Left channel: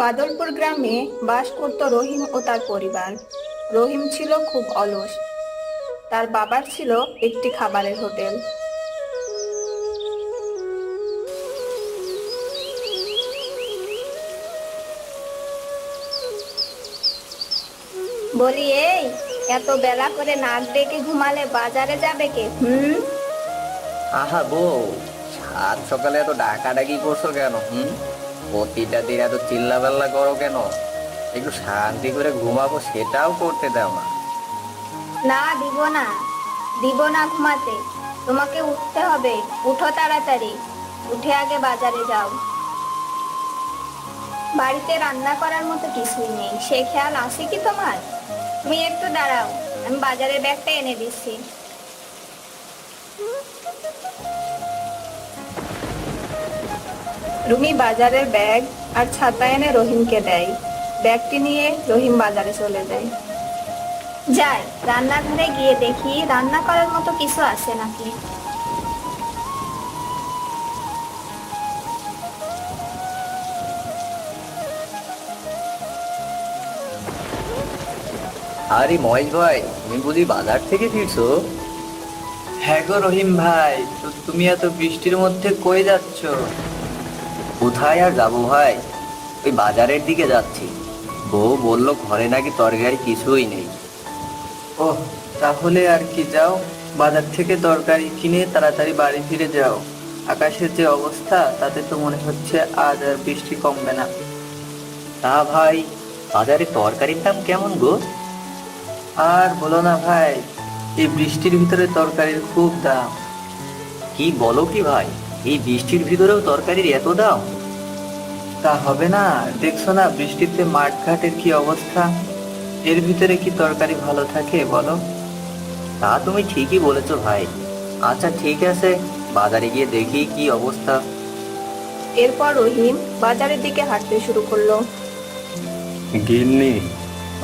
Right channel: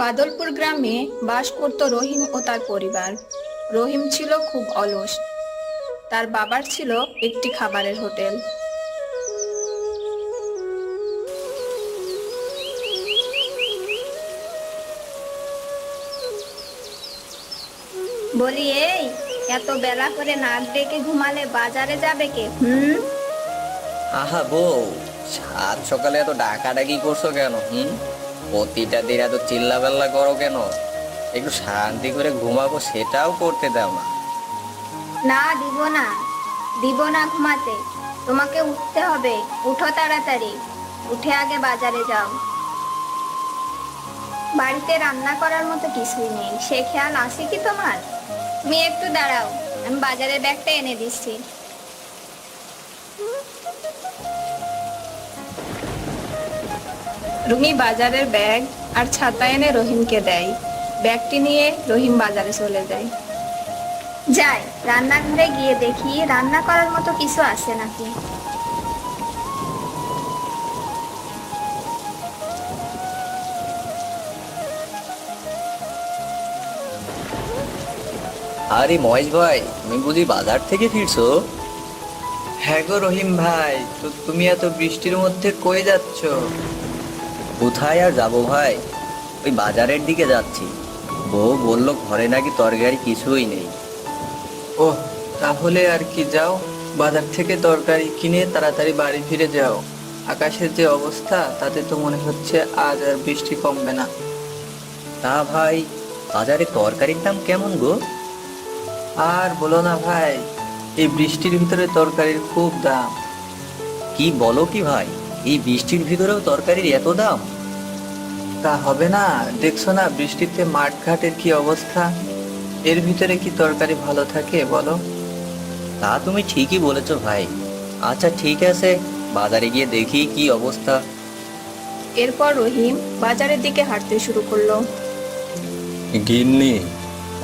বাদলপুর গ্রামে বাস করত রহিম ও তার পরিবার। রহিম ছিল খুব অলস। তার বাবার ছিল একটি খাবারের হোটেল। বলি, এই এত বেলা করে নাক ডেকে ঘুমালে বাজারে যাবে কে? আহা বউ, সাত সকালে এত ডাকাডাকি করছো কেন? প্রতিটা দিন এত চিল্লাপাল্লা করো কেন? একটু শান্তি করে ঘুমাবো সেটাও করতে দাও না। না, দিব না ঘুমাতে। তোমাকে উঠতে হবে। উঠো তাড়াতাড়ি। উঠে আগে বাজারে যাও। বাড়িতে রান্না করার মতো কিছুই নেই, সে খেয়াল আছে কি তোমার? তুমি একটু দাঁড়াও, আমি বাজারের ব্যাগটা এনে দিচ্ছি। রুমি বাজারের ব্যাগ আর ছাতা এনে রহিমকে দেয়। ব্যাগটি নিয়ে রহিম বাজারে চলে যায়। যাই, রান্নাঘরে গিয়ে দেখি রান্না করার মতো কিছু আছে নাকি। আরে মহেশ ভাই, তুমি বুঝি বাজার থেকে ফিরছো? হ্যাঁ গো রহিম ভাই, তো তুমি এত বৃষ্টির মধ্যে কই যাচ্ছ? কোথায় আর যাবো ভাই, ওই বাজারের দিকে যাচ্ছি। বউ বললো ঘরে নাকি তরকারি কিছুই নেই। ওহ, তাহলে আর কি, যাও বাজার থেকে তরকারি কিনে তাড়াতাড়ি বাড়ি ফিরে যাও। আকাশের যে অবস্থা তাতে তো মনে হচ্ছে আজ আর বৃষ্টি কমবে না। তা ভাই, বাজারে তরকারির দাম কেমন গো? আর বলো না ভাই, এই বৃষ্টির ভিতরে তরকারির খুব দাম। কি বলো কি ভাই, এই বৃষ্টির ভিতরেও তরকারির এত দাম? তা হবে না, দেখছো না বৃষ্টিতে মাঠঘাটের কি অবস্থা। এর ভিতরে কি তরকারি ভালো থাকে বলো? তা তুমি ঠিকই বলেছো ভাই। আচ্ছা ঠিক আছে, বাজারে গিয়ে দেখি কি অবস্থা। এরপর রহিম বাজারের দিকে হাঁটতে শুরু করলো। গিন্নি,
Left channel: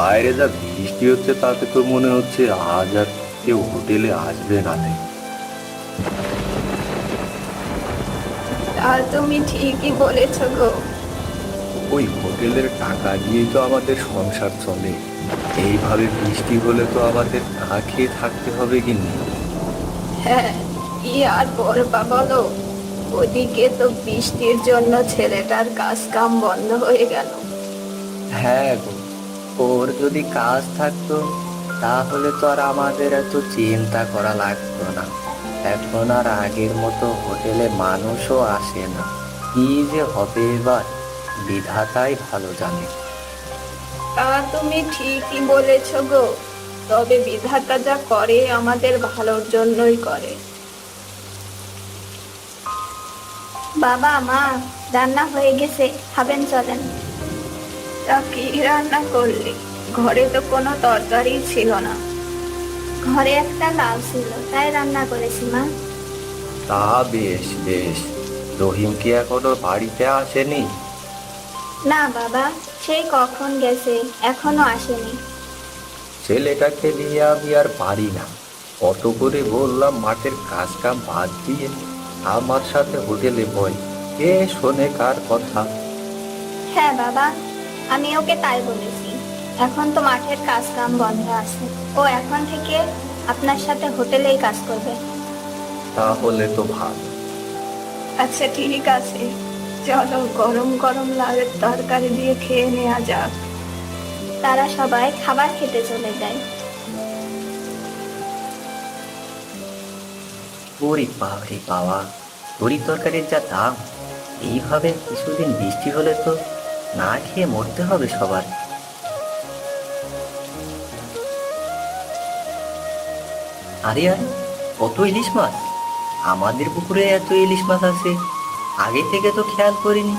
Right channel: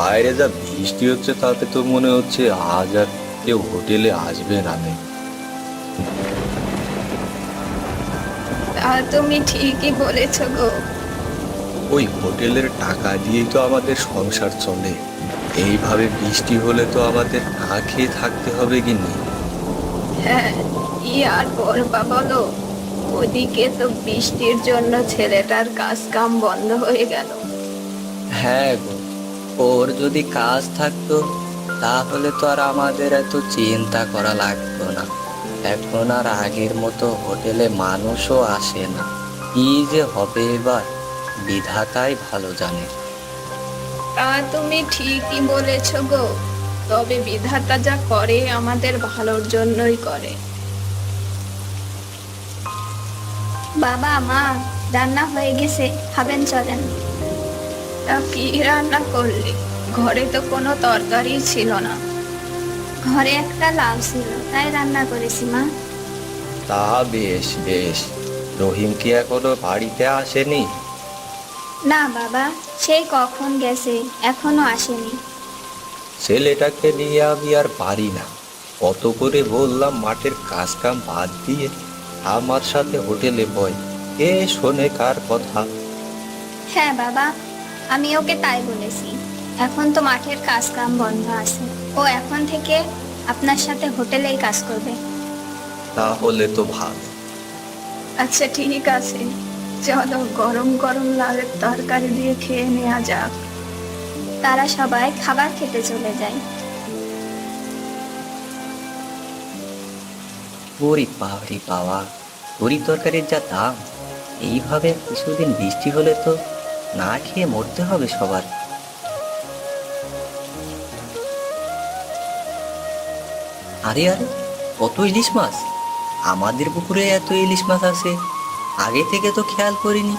বাইরে যা বৃষ্টি হচ্ছে তাতে তো মনে হচ্ছে আজ আর কেউ হোটেলে আসবে না রে। তা তুমি ঠিকই বলেছ গো। ওই হোটেলের টাকা দিয়েই তো আমাদের সংসার চলে। এইভাবে বৃষ্টি হলে তো আমাদের না খেয়ে থাকতে হবে গিন্নি। হ্যাঁ, কি আর বলবা বলো। ওদিকে তো বৃষ্টির জন্য ছেলেটার কাজ কাম বন্ধ হয়ে গেল। হ্যাঁ গো, ওর যদি কাজ থাকতো তাহলে তো আর আমাদের এত চিন্তা করা লাগতো না। এখন আর আগের মতো হোটেলে মানুষও আসে না। কি যে হবে এবার, বিধাতাই ভালো জানে। তা তুমি ঠিকই বলেছ গো। তবে বিধাতা যা করে আমাদের ভালোর জন্যই করে। বাবা, মা, রান্না হয়ে গেছে, খাবেন চলেন। তা কি রান্না করলি? ঘরে তো কোনো তরকারি ছিল না। ঘরে একটা লাউ ছিল, তাই রান্না করেছি মা। তা বেশ বেশ। রহিম কি এখনো বাড়িতে আসেনি? না বাবা, সেই কখন গেছে, এখনো আসেনি। ছেলেটাকে নিয়ে আমি আর পারি না। কত করে বললাম মাঠের কাজ কাম বাদ দিয়ে আমার সাথে হোটেলে বয়, কে শোনে কার কথা। হ্যাঁ বাবা, আমি ওকে তাই বলেছি। এখন তো মাঠের কাজ কাম বন্ধ আছে, ও এখন থেকে আপনার সাথে হোটেলেই কাজ করবে। তাহলে তো ভালো। আচ্ছা ঠিক আছে, চলো গরম গরম লাউয়ের তরকারি দিয়ে খেয়ে নেওয়া যাক। তারা সবাই খাবার খেতে চলে যায়। ওরে বাবারে বাবা, তরি তরকারির যা দাম! এইভাবে কিছুদিন বৃষ্টি হলে তো না খেয়ে মরতে হবে সবার। আরে আরে, কত ইলিশ মাছ! আমাদের পুকুরে এত ইলিশ মাছ আছে, আগে থেকে তো খেয়াল করিনি।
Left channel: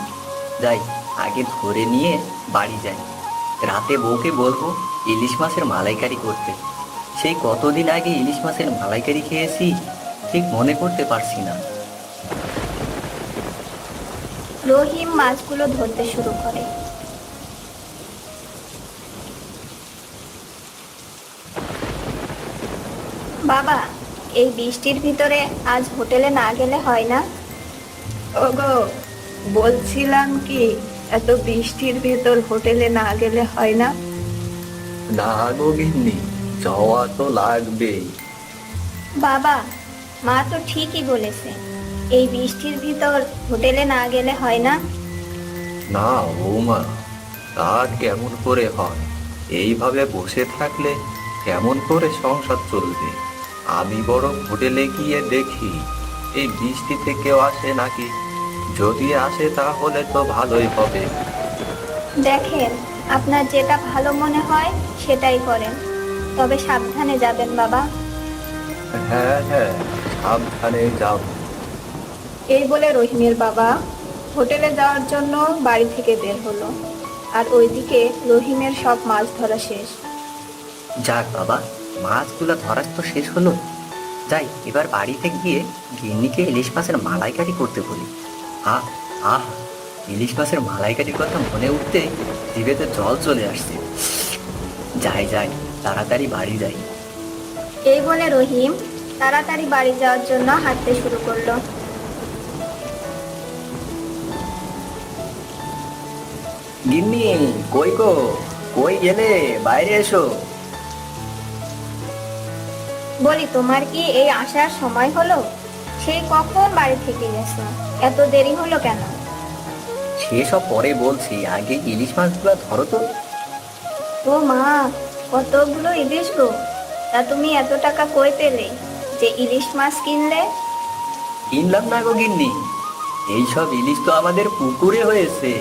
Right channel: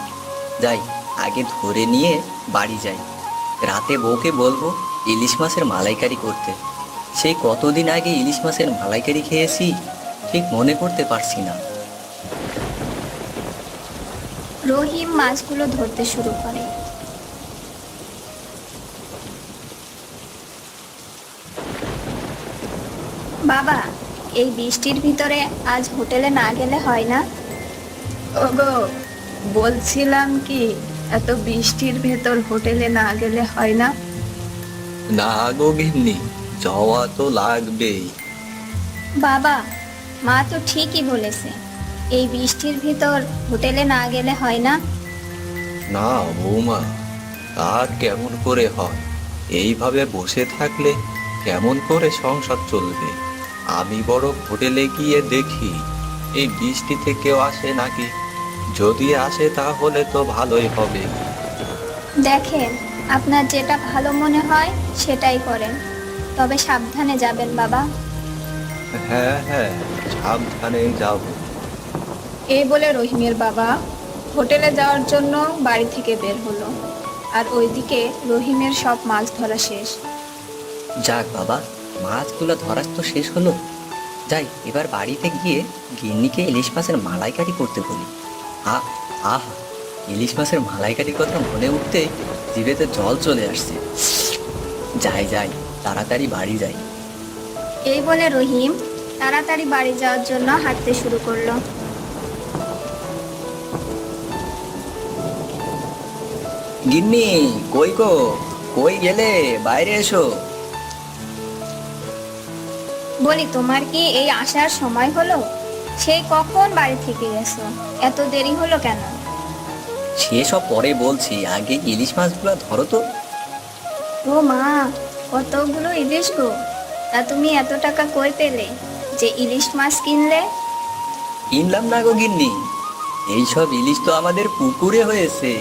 যাই, আগে ধরে নিয়ে বাড়ি যাই। রাতে বউকে বলবো ইলিশ মাছের মালাইকারি করতে। সেই কতদিন আগে ইলিশ মাছের মালাইকারি খেয়েছি, ঠিক মনে করতে পারছি না। রহিম মাছগুলো ধরতে শুরু করে। বাবা, এই বৃষ্টির ভিতরে আজ হোটেলে না গেলে হয় না? ওগো, বলছিলাম কি, এত বৃষ্টির ভেতর হোটেলে না গেলে হয় না? না গো গিন্নি, যাওয়া তো লাগবেই। বাবা, মা তো ঠিকই বলেছে, এই বৃষ্টির ভিতর হোটেলে না গেলে হয় না। না বৌমা, তা কেমন করে হয়? এইভাবে বসে থাকলে কেমন করে সংসার চলবে? আমি বরং হোটেলে গিয়ে দেখি এই বৃষ্টিতে কেউ আসে নাকি। যদি আসে তাহলে তো ভালোই হবে। দেখেন, আপনার যেটা ভালো মনে হয় সেটাই করেন, তবে সাবধানে যাবেন বাবা। হ্যাঁ হ্যাঁ, সাবধানে যাব। এই বলে রহিমের বাবা হোটেলে যাওয়ার জন্য বাড়ি থেকে বের হলো, আর ওইদিকে রহিমের সব মাছ ধরা শেষ। যাক বাবা, মাছগুলো ধরা তো শেষ হলো। যাই, এবার বাড়িতে গিয়ে গিন্নিকে ইলিশ মাছের মালাইকারি করতে বলি। আহ আহ, ইলিশ মাছের মালাইকারির কথা মনে উঠতে জিভেতে জল চলে আসছে। যাই যাই, তাড়াতাড়ি বাড়ি যাই। এই বলে রহিম তাড়াতাড়ি বাড়ি যাওয়ার জন্য হাঁটতে শুরু করলো। গিন্নি, কই গো, কই গেলে? বাইরে এসো। বলি, তোমার কি এই আসার সময় হলো? সেই কখন বাড়ি থেকে গেছো, এত দেরি হলো কেন? সেসব পরে বলছি, আগে ইলিশ মাছগুলো ধরো তো। ও মা, কতগুলো ইলিশ গো! তা তুমি এত টাকা কই পেলে যে ইলিশ মাছ কিনলে? কিনলাম না গো গিন্নি, এইসব ইলিশ তো আমাদের পুকুরে হয়েছে।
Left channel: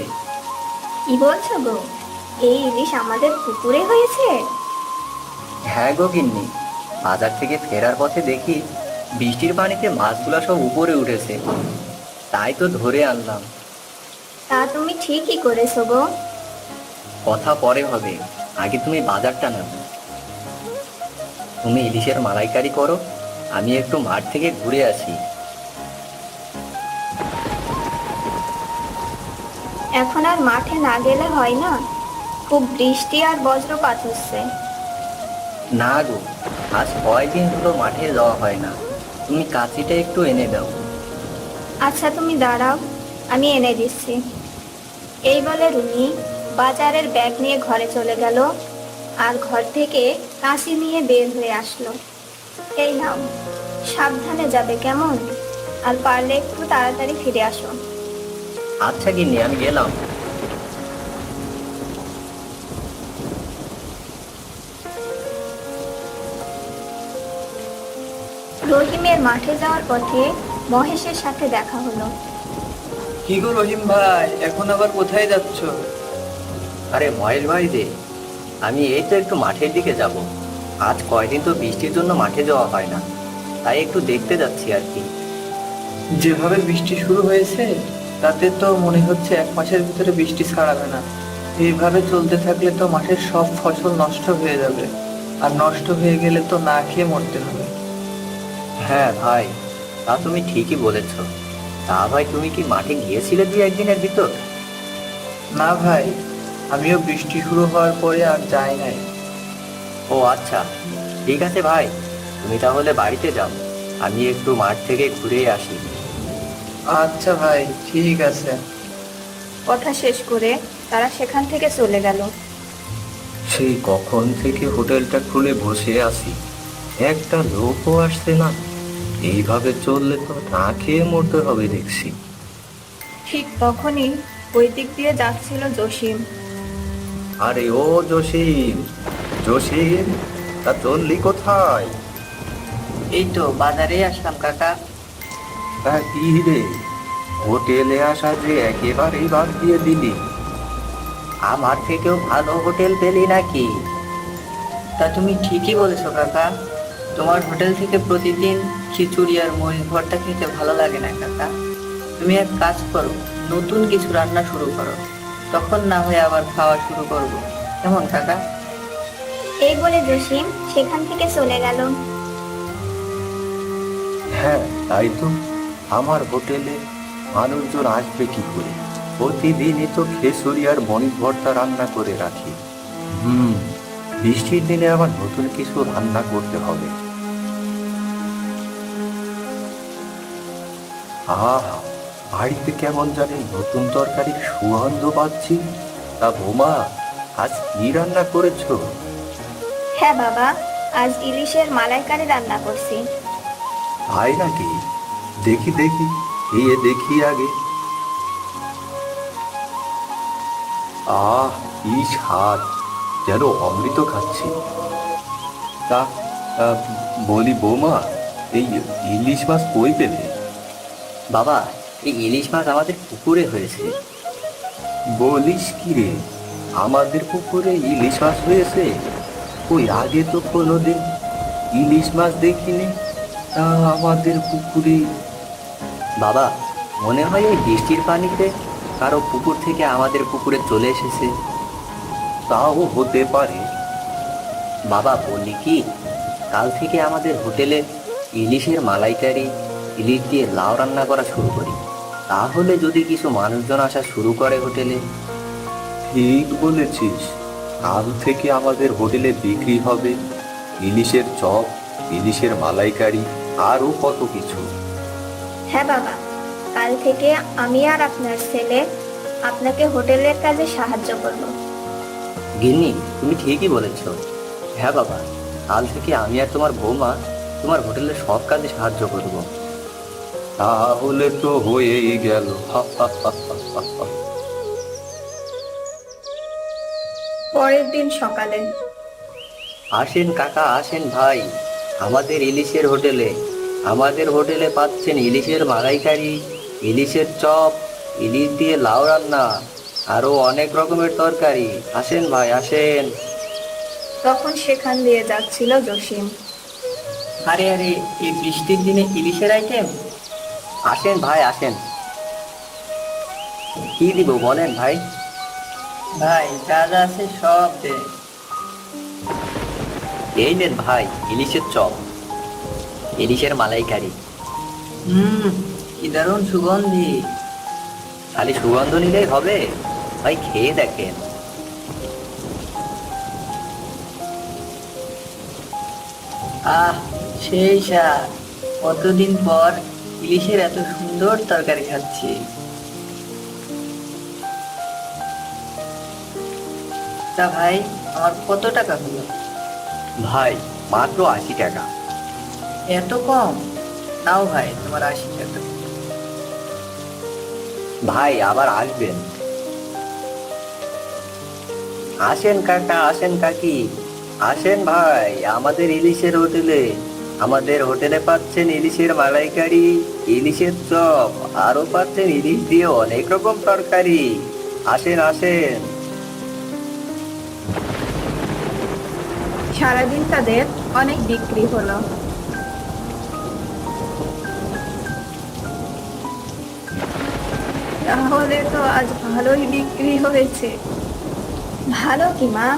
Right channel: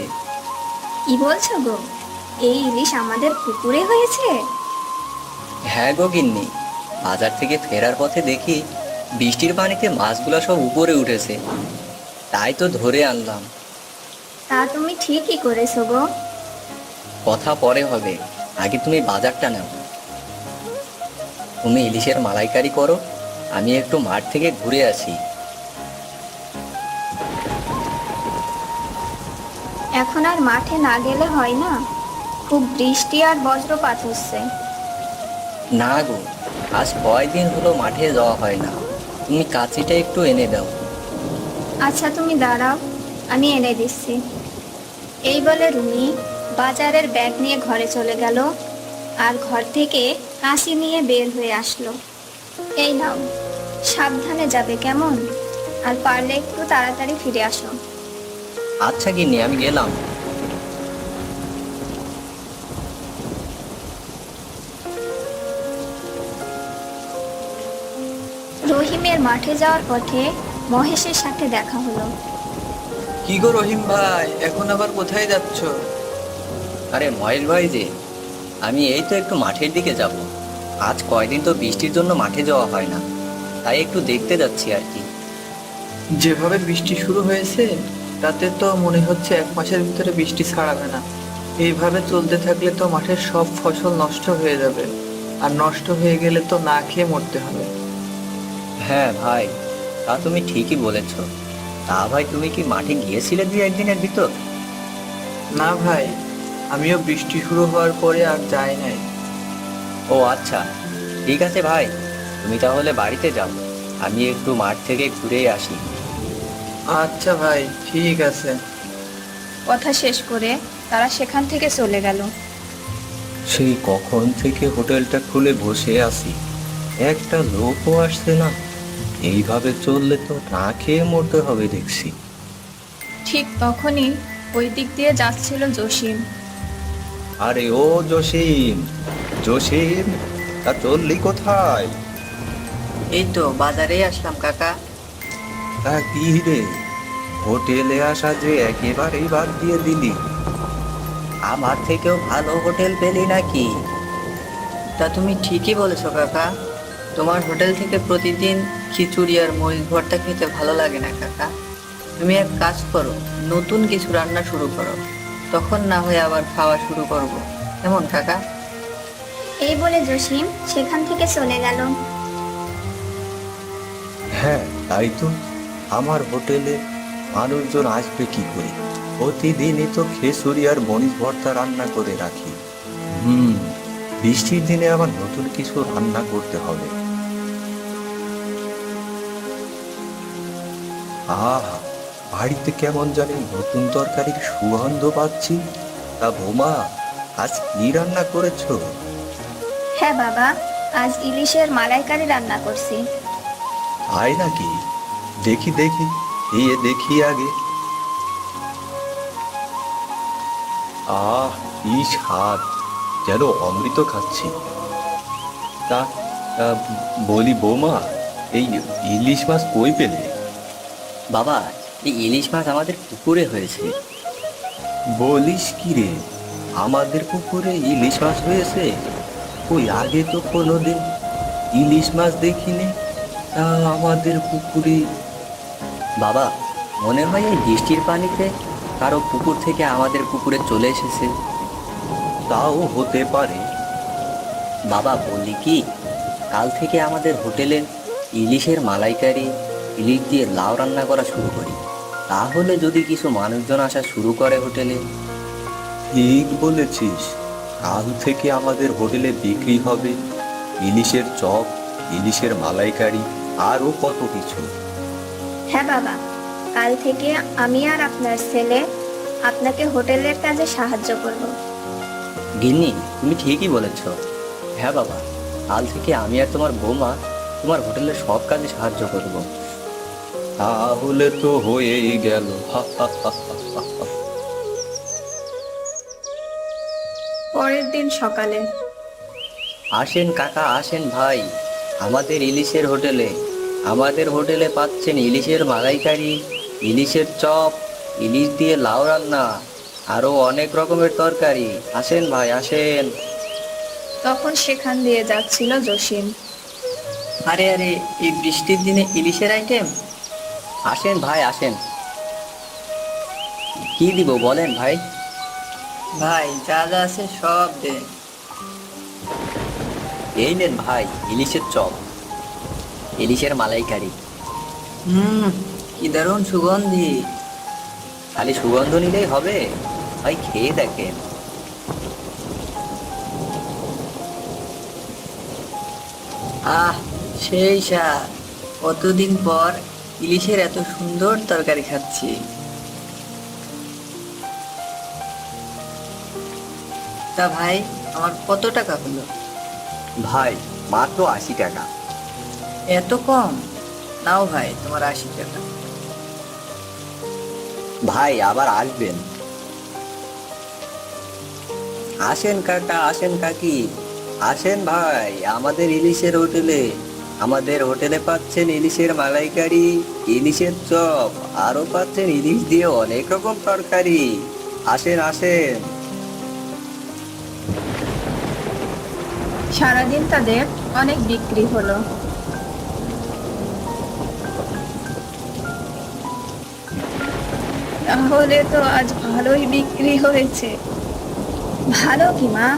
কি বলছো গো, এই ইলিশ আমাদের পুকুরে হয়েছে? হ্যাঁ গো গিন্নি, বাজার থেকে ফেরার পথে দেখি বৃষ্টির পানিতে মাছগুলো সব উপরে উঠেছে, তাই তো ধরে আনলাম। তা তুমি ঠিকই করেছো গো। কথা পরে হবে, আগে তুমি বাজারটা নাও। তুমি ইলিশের মালাইকারি করো, আমি একটু মাঠ থেকে ঘুরে আসি। এখন আর মাঠে না গেলে হয় না, খুব বৃষ্টি আর বজ্রপাত হচ্ছে। না গো, আজ কয়দিন হলো মাঠে যাওয়া হয় না, তুমি কাঁচিটা একটু এনে দাও। আচ্ছা তুমি দাঁড়াও, আমি এনে দিচ্ছি। এই বলে রুমি বাজারের ব্যাগ নিয়ে ঘরে চলে গেল, আর ঘর থেকে কাঁচি নিয়ে বের হয়ে আসলো। এই নাও, সাবধানে যাবে কেমন, আর পারলে একটু তাড়াতাড়ি ফিরে আসো। আচ্ছা গিন্নি, আমি গেলাম। রহিমের মাঠে যাওয়ার পথে মহেশের সাথে দেখা হলো। কি গো রহিম ভাই, এখন আবার কোথায় যাচ্ছ? আরে মহেশ ভাই যে, আমি এই তো একটু মাঠের দিকে যাব। আজ কয়দিন তো বৃষ্টির জন্য মাঠে যাওয়া হয় না, তাই একটু দেখতে যাচ্ছি আর কি। যেভাবে বৃষ্টি শুরু হয়েছে তাতে তো মনে হচ্ছে 1 মাসের ভিতরে বৃষ্টি ছাড়াবে না। এইভাবে চলতে থাকলে তো মাঠের সব ফসল নষ্ট হয়ে যাবে, আর নষ্ট হয়ে গেলে তো না খেয়ে মরতে হবে। হ্যাঁ ভাই, তা তুমি ঠিকই বলেছ। তা ভাই, তুমি কি মাঠে গিয়েছিলে 2-1 দিনের ভিতর? না ভাই, আমিও বৃষ্টি শুরু হওয়ার পরে আর যাই নাই। ও আচ্ছা, ঠিক আছে ভাই, তুমি তাহলে বাড়িতে যাও, আমি একটু মাঠ থেকে ঘুরে আসি। আচ্ছা ভাই, ঠিক আছে। কথা শেষ করে তারা সেখান থেকে চলে গেল। সেই কখন থেকে হোটেলটা খুলে বসে আছি, একটা লোকও আসছে না। এইভাবে চললে তো না খেয়ে মরতে হবে দেখছি। ঠিক তখনই ওই দিক দিয়ে যাচ্ছিল জসিম। আরে ও জসিম, জসিম, তা চললি কোথায়? এই তো বাজারে আসলাম কাকা। তা কি রে, হোটেলে আসা যে একেবারেই বাদ দিয়ে দিলি? আমার থেকেও ভালো হোটেল পেলি নাকি? তা তুমি ঠিকই বলেছো কাকা, তোমার হোটেল থেকে প্রতিদিন খিচুড়ি আর মহিষ ভর্তা খেতে ভালো লাগে না কাকা। তুমি এক কাজ করো, নতুন কিছু রান্না শুরু করো, তখন না হয় আবার খাওয়া শুরু করবো, কেমন কাকা? এই বলে জসিম সেখান থেকে চলে গেল। হ্যাঁ তাই তো, আমার হোটেলে মানুষজন আসবে কি করে? প্রতিদিনই তো খিচুড়ি আর মরিচ ভর্তা রান্না করে রাখি। বৃষ্টির দিনে আবার নতুন কিছু রান্না করতে হবে। আহা, বাড়িতে কেমন জানি নতুন তরকারির সুগন্ধ পাচ্ছি। তা বোমা, আজ কি রান্না করেছো? হ্যাঁ বাবা, আজ ইলিশের মালাইকারি রান্না করছি। তাই নাকি? দেখি দেখি, দেখি আগে। কি স্বাদ, যেন অমৃত খাচ্ছি। তা আহ, বলি বৌমা, এই ইলিশ মাছ কই পেলে? বাবা, এই ইলিশ মাছ আমাদের পুকুরে হয়েছে। বলিস কি রে, আমাদের পুকুরে ইলিশ মাছ হয়েছে? ওই আগে তো কোনোদিন ইলিশ মাছ দেখিনি। তা আমাদের পুকুরে? বাবা, মনে হয় এই বৃষ্টির পানিতে কারো পুকুর থেকে আমাদের পুকুরে চলে এসেছে। তাও হতে পারে। বাবা বলি কি, কাল থেকে আমাদের হোটেলে ইলিশের মালাইকারি, ইলিশ দিয়ে লাউ রান্না করা শুরু করি। তাহলে যদি কিছু মানুষজন আসা শুরু করে হোটেলে। ঠিক বলেছিস, কাল থেকে আমাদের হোটেলে বিক্রি হবে ইলিশের চপ, ইলিশের মালাইকারি, আরও কত কিছু। হ্যাঁ বাবা, কাল থেকে আমি আর আপনার ছেলে আপনাকে হোটেলের কাজে সাহায্য করব। গিন্নি, তুমি ঠিকই বলেছ। হ্যাঁ বাবা, কাল থেকে আমি আর তোমার বৌমা তোমার হোটেলের সব কাজে সাহায্য করব। তাহলে তো হয়েই গেল। পরের দিন সকালে। আসেন কাকা, আসেন ভাই, আমাদের ইলিশের হোটেলে। আমাদের হোটেলে পাচ্ছেন ইলিশের মালাইকারি, ইলিশের চপ, ইলিশ দিয়ে লাউ রান্না, আরো অনেক রকমের তরকারি। আসেন ভাই, আসেন। তখন সেখান দিয়ে যাচ্ছিল জসিম। আরে আরে, এই বৃষ্টির দিনে ইলিশের আইটেম! আসেন ভাই, আসেন। কি দিব বলেন ভাই? ভাই, যা যা আছে সব দে। এই নেন ভাই, ইলিশের চপ, ইলিশের মালাইকারি। কি দারুণ সুগন্ধি! খালি সুগন্ধ নিলেই হবে ভাই, খেয়ে দেখেন। আহ, সেই স্বাদ! কতদিন পর ইলিশের এত সুন্দর তরকারি খাচ্ছি। তা ভাই, আমার কত টাকা হলো? ভাই, মাত্র 80 টাকা। এত কম? নাও ভাই, তোমার 80 টাকা। ভাই, আবার আসবেন। আসেন কাকা, আসেন কাকি, আসেন ভাই আমাদের ইলিশের হোটেলে। আমাদের হোটেলে পাচ্ছেন ইলিশের মালাইকারি, ইলিশের চপ, আরো পাচ্ছেন ইলিশ দিয়ে অনেক রকম তরকারি। আসেন আসেন। সারাদিন তাদের অনেক বিক্রি হলো। তাহলে তো আজ ভালোই বিক্রি হয়েছে। ভালো কি মা,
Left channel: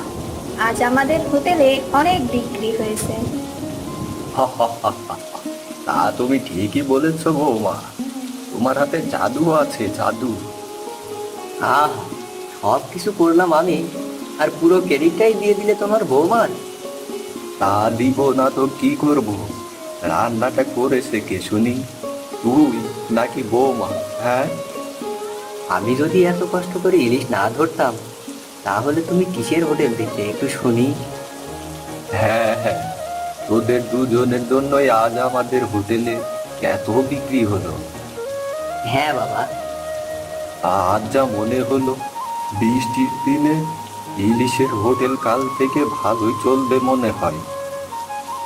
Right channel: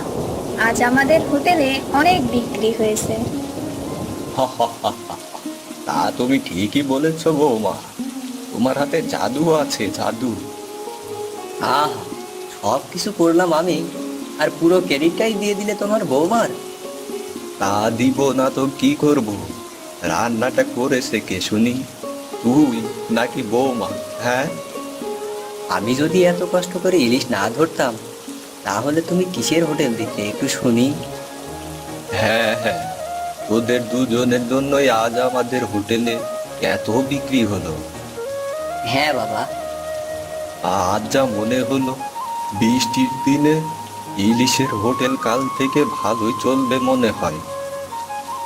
আজ আমাদের হোটেলে অনেক বিক্রি হয়েছে। তা তুমি ঠিকই বলেছ বৌমা, তোমার হাতে জাদু আছে, জাদু। আহ, সব কিছু করলাম আমি, আর পুরো ক্রেডিটটাই দিয়ে দিলে তোমার বৌমার। তা দিব না তো কি করব? রান্নাটা করেছে কে শুনি, তুই নাকি বৌমা? হ্যাঁ, আমি যদি এত কষ্ট করে ইলিশ না ধরতাম, তাহলে তুমি কিসের হোটেল দিতে একটু শুনি। হ্যাঁ হ্যাঁ, ওদের দুজনের জন্যই আজ আমাদের হোটেলে এত বিক্রি হলো। হ্যাঁ বাবা। আজ যা মনে হলো, বৃষ্টির দিনে ইলিশের হোটেল কাল থেকে ভালোই চলবে মনে হয়।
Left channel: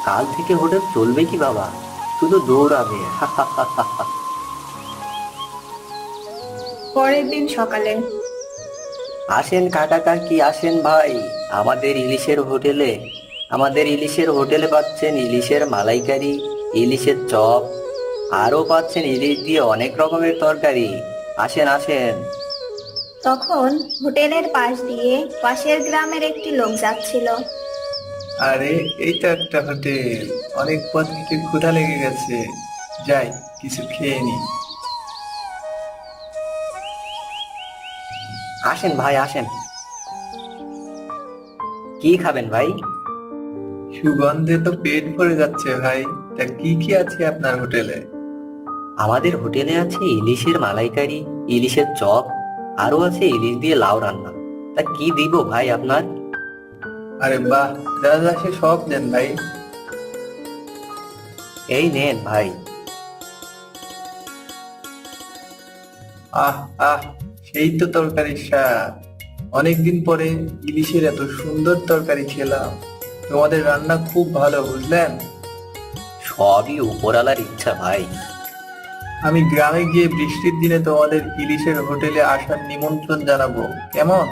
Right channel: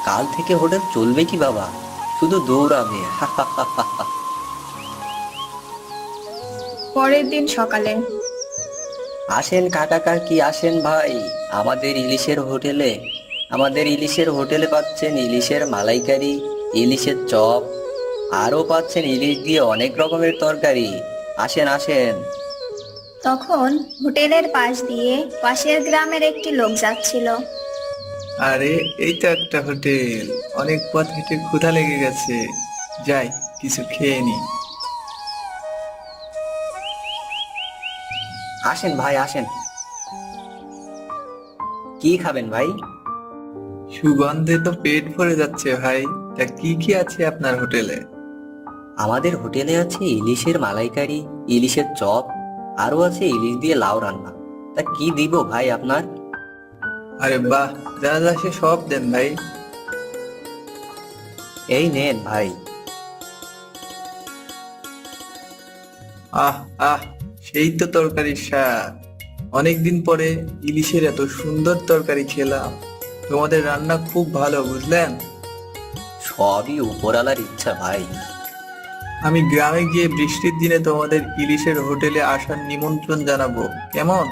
কাল থেকে হোটেল চলবে কি বাবা, শুধু দৌড়াবে। পরের দিন সকালে। আসেন কাকা কাকি, আসেন ভাই আমাদের ইলিশের হোটেলে। আমাদের ইলিশের হোটেলে পাচ্ছেন ইলিশের মালাইকারি, ইলিশের চপ, আরও পাচ্ছেন ইলিশ দিয়ে অনেক রকমের তরকারি। আসেন আসেন। তখন হোটেলের পাশ দিয়ে পাশের গ্রামের একটি লোক যাচ্ছিল। আরে, এই তো একটা হোটেল। অনেক পথ হেঁটে ক্ষুধা লেগে গেছে, যাই কিছু খেয়ে নি। আসেন ভাই, আসেন। কি খাবেন ভাই? সুগন্ধে তো পেট ভরে যাচ্ছে ভাই। তা কি কি আছে আপনার হোটেলে? আমাদের হোটেলে আছে ইলিশের মালাইকারি, ইলিশের চপ, আরো আছে ইলিশ দিয়ে লাউ রান্না। তা কি দিব ভাই আপনার? আরে বাহ, যা যা সে সব দেন ভাই। এই নেন ভাই। আহ আহ, সেই তো তরকারির স্বাদ। অনেকদিন পরে ইলিশের এত সুন্দর তরকারি খেলাম। তোমাদের রান্না খুব ভালো, বুঝলেন? সবই উপরালার ইচ্ছা ভাই। আমি গ্রামে গিয়ে বৃষ্টির দিনে তোমাদের ইলিশের হোটেলে আসার নিমন্ত্রণ জানাবো, কেমন?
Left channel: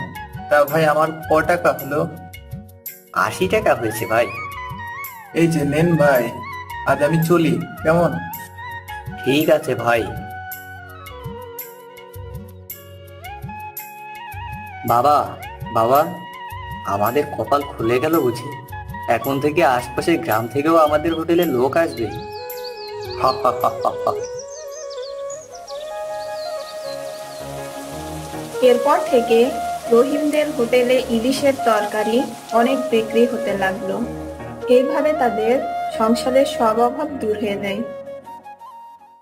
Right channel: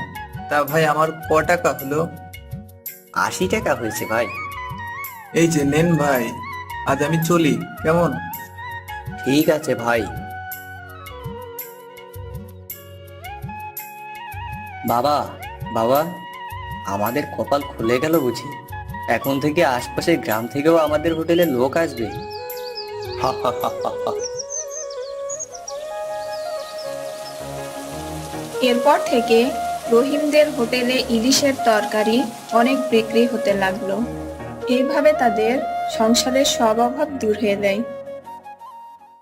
তা ভাই, আমার ক টাকা হলো? 80 টাকা হয়েছে ভাই। এই যে নেন ভাই, আজ আমি চলি, কেমন? ঠিক আছে ভাই। বাবা, বাবা, আমাদের কপাল খুলে গেল বুঝি। এখন থেকে আশপাশের গ্রাম থেকেও আমাদের হোটেলে লোক আসবে। হা হা হা হা হা। এরপর থেকে রহিমদের হোটেলে ইলিশের তরকারি অনেক বিক্রি হতে লাগলো। এইভাবে তাদের সংসারের সব অভাব দূর হয়ে যায়।